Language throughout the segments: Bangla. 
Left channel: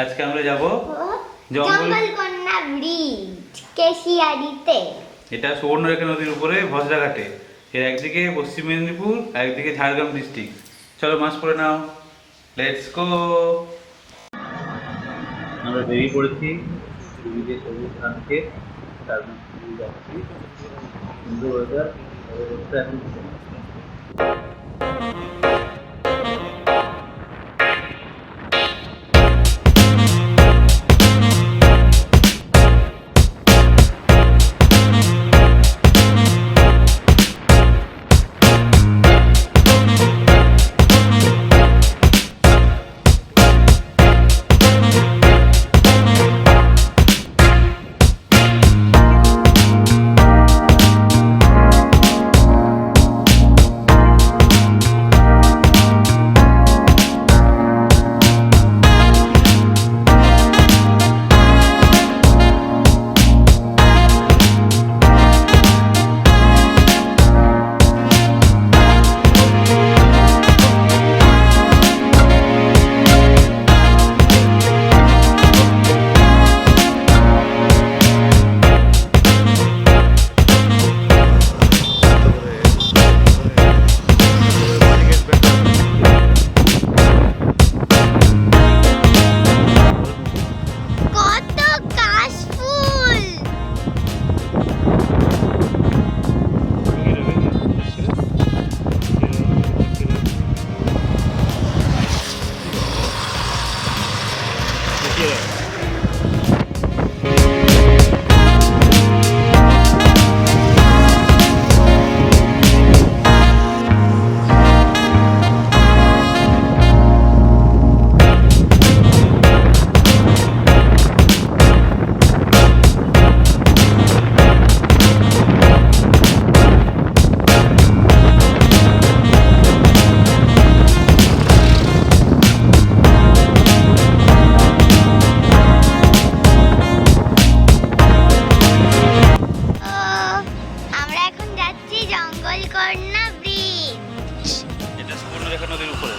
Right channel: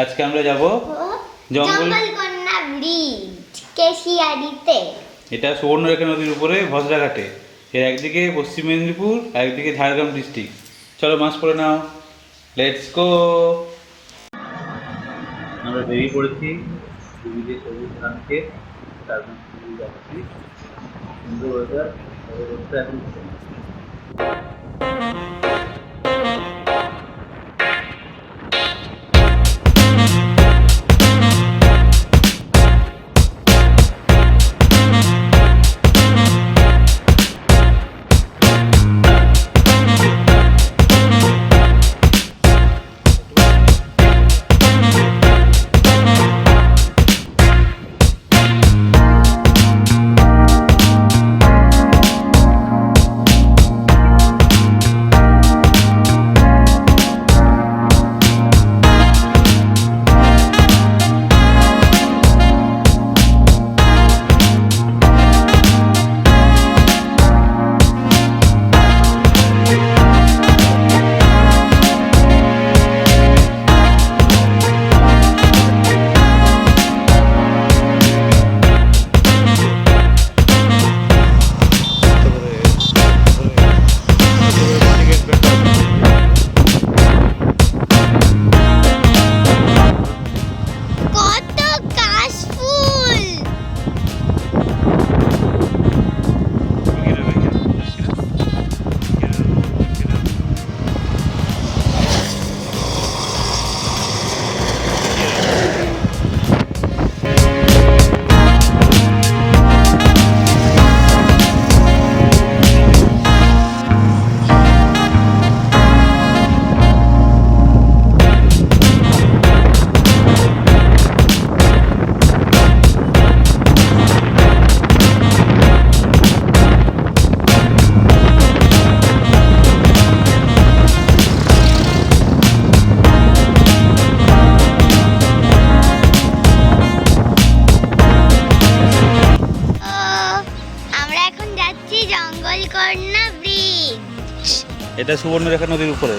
আজকে আমরা যাব জঙ্গলকন্যা ব্রিজ কেশিয়াড়িতে। এটা সুবর্ণরেখা নদীর উপরে ভদ্রাঘাটে। এর একদিকে পশ্চিম মেদিনীপুর আর একদিকে ঝাড়গ্রাম ডিস্ট্রিক্ট। চলো মাস্ক পরে নাও, লেটস গো। আমরা বেরিয়ে পড়েছি দিদিকে সবুজ ধানকে, তার মধ্যে যাচ্ছি। সুন্দর ওয়েদার, এখন কত কাশ ফুল! আমরা এখন যাচ্ছি জঙ্গলকন্যা ব্রিজ। এটা সুবর্ণরেখা নদীর উপরে।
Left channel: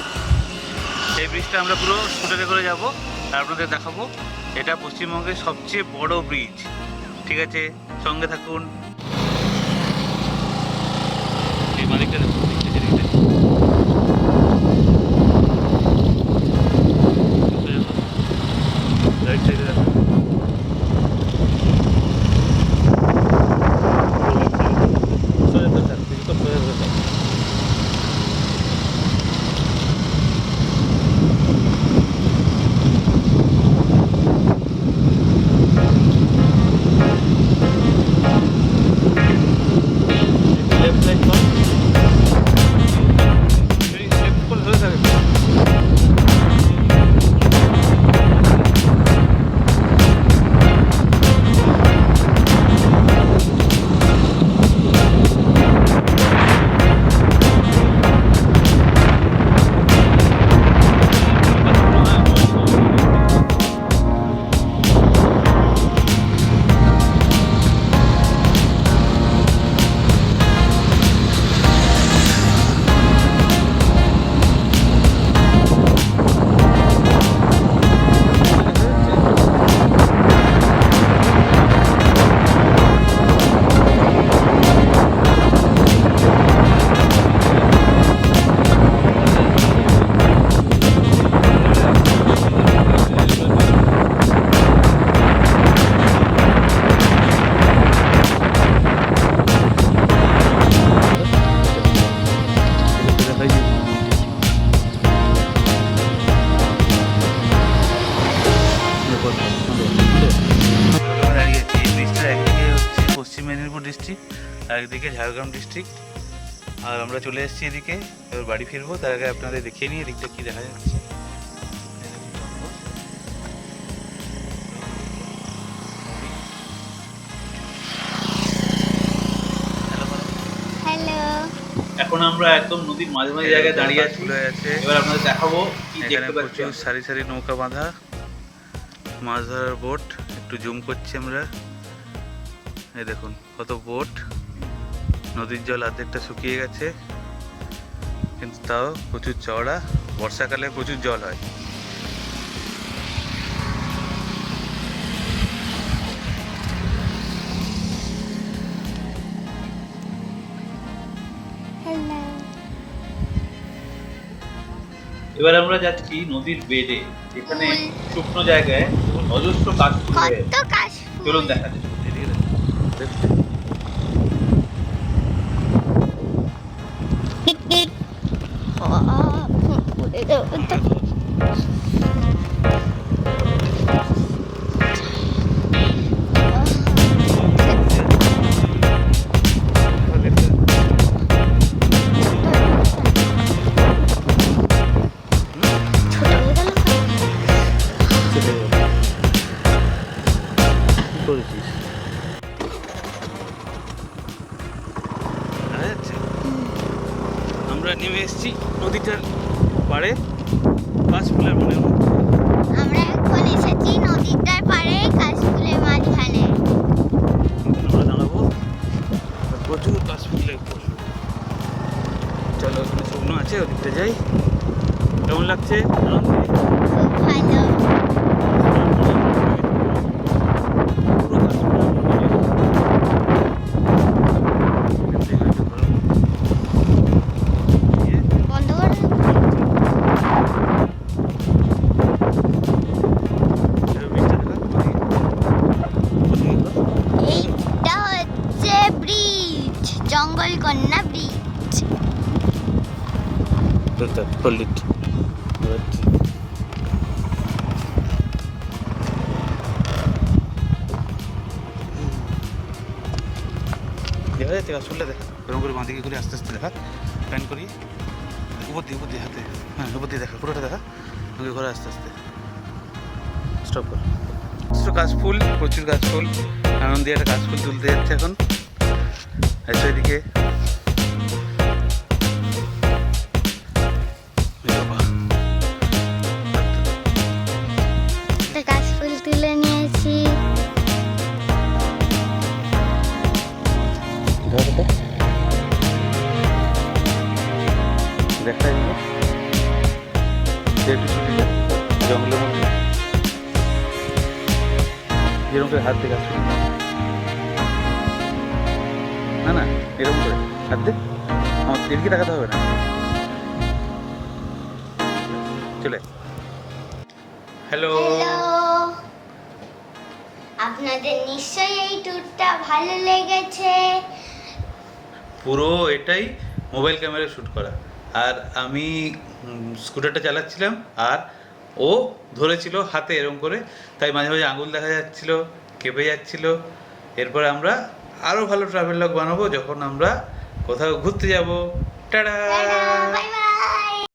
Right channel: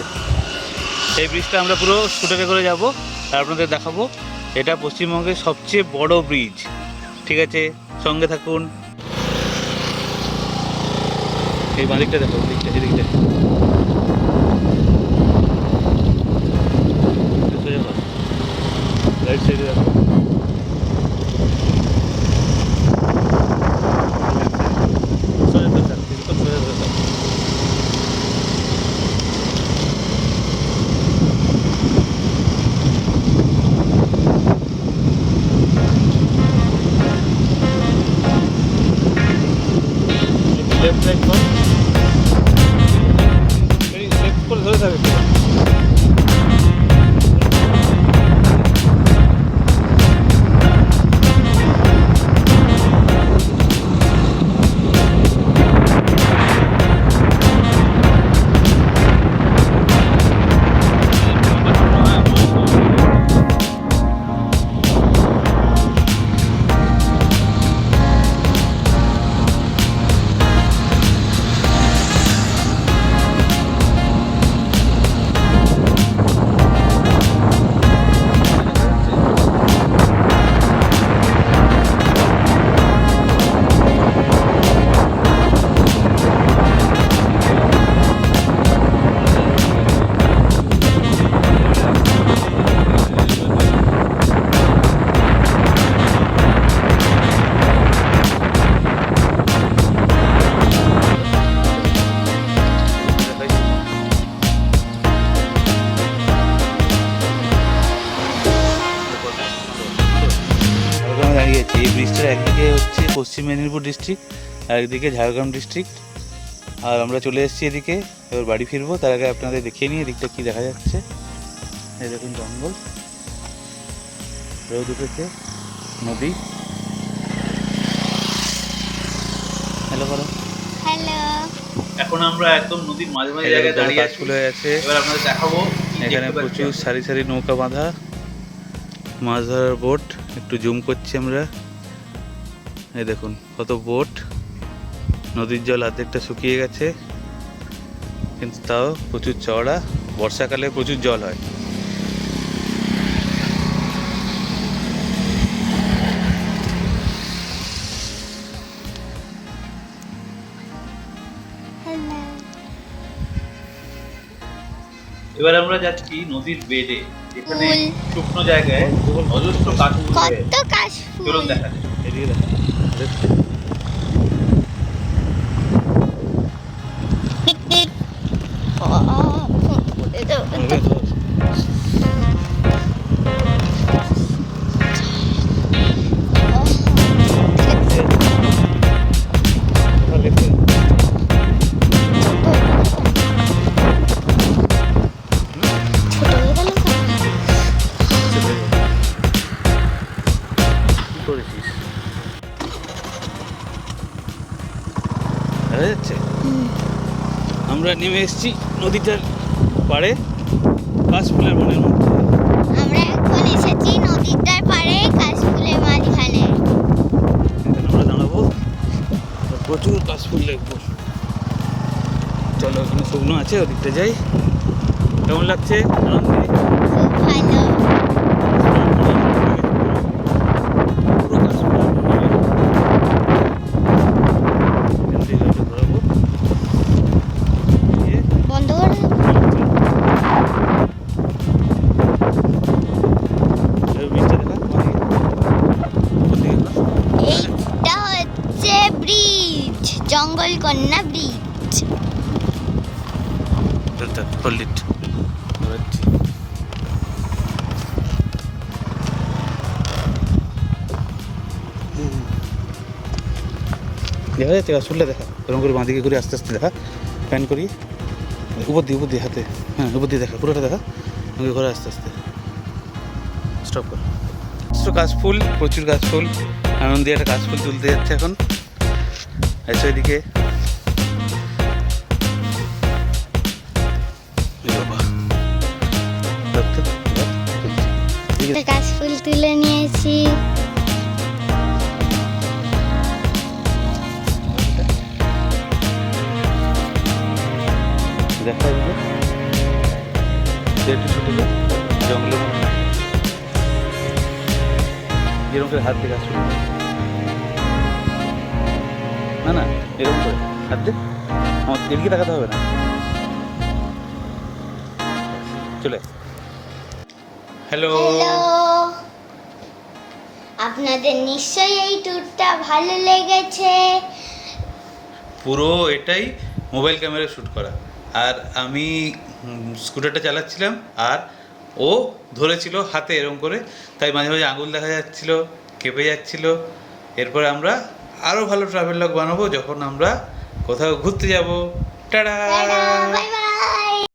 এই ব্রিজটা আমরা পুরো স্কুটারে করে যাব আর আপনাদের দেখাবো। এটা পশ্চিমবঙ্গের সবচেয়ে বড় ব্রিজ। ঠিক আছে, সঙ্গে থাকুন। এই বাঁদিকটা দেখো, দিকটা এদিকে দেখো। রাইট সাইডে দেখো, সোজা ধরে থাক, কিছুক্ষণ সোজা ধরে থাক। লেফট রাইট কর, লেফট করে ধরে থাকে। পশ্চিম মেদিনীপুর ডিস্ট্রিক্ট আর একদিকে ঝাড়গ্রাম ডিস্ট্রিক্ট। আর আমরা চলে এসেছি এদিকে, এবার বাড়ি ফিরবো। তার আগে আপনাদের দেখিয়ে নিই এদিকটা কী দেখা যাচ্ছে। এই দেখুন জঙ্গল, দুদিকে নদী। হ্যালো বলো। হ্যালো, এখন আমরা একদম নদীর মাঝে মাঝে জায়গায় দাঁড়িয়ে আছি। এবার আপনাদের দেখাবো কি দেখতে পাচ্ছি। প্রচুর সারি সারি নৌকা বাঁধা, মাছ ধরার বোট। একটু জুম করছি আমরা। এই দেখুন কত বোট। নদীর জল অর্ধেকটা শুকিয়ে গেছে, কিন্তু তাও প্রচুর চওড়া। বর্ষাকালে প্রচুর জল হয়। এবার আমরা যাচ্ছি নদীর বেডে, যেখানে শুকনো জায়গায় অজস্র কাশফুল হয়ে কত কাশফুল। চলুন দেখা যায়। আমরা নেমে এসেছি নদীটার পাড়ে কাশফুলের বনের মধ্যে। আমরা এখন এসেছি নদীটার পাড়ে কাশফুলের মাঝখানে। এখানে আমরা দাঁড়াবো, আর প্রচুর কাশফুল দেখবো। চলো, ওখানে শুকনো আছে, ওদিকটা যাই। কেমন লাগছে? আনন্দে খুব ভালো। পুরো কাশফুলের বনে এখান থেকে গাড়িটা ঘোরাবো। বন্ধ করে এইটা হচ্ছে ব্রিজ, জঙ্গলকন্যা ব্রিজ। দেখা যাচ্ছে কাশফুলটা, দেখা এরকম করে বাঁদিকে করে আস্তে আস্তে দেখা, প্যান করি উপর দিয়ে হাতে, হ্যাঁ উপর দিয়ে দেখা, পুরোটা দেখা, আমাকে ঘরে আস্তে আস্তে স্টপ কর। কাশফুল, প্রচুর কাশফুল। আনন্দে একটা কাশফুল তুলতে যাচ্ছে এখন। এসো এদিকে। কাশফুল তুলে নিয়েছি। দেখা এগুলো একটু ছুটে যায় জঙ্গলের মধ্যে, এরকম করে হাত দিয়ে কাজ শুরু, না না এরকম করে হাত দিয়ে, আমার এদিকে তাকাতে হবে না। চলে হ্যালো, আপনাদের নিশ্চয়ই এই ট্যুরটা ভালো লেগেছে। পুরো এটাই মোবাইল ক্যামেরা শ্যুট করা, আর আমি স্কুটারটা চালাচ্ছিলাম, আর ও ধরেছিল হাতে এরকম করে, তাই মাঝে মাঝে আঙুল দেখা যাচ্ছিল, কেঁপে যাচ্ছিল। এরপরে আমরা আরও ভালো ট্রাভেল লগ বানাবো যখন আমরা কোথাও ঘুরতে যাব। Tata, bye bye.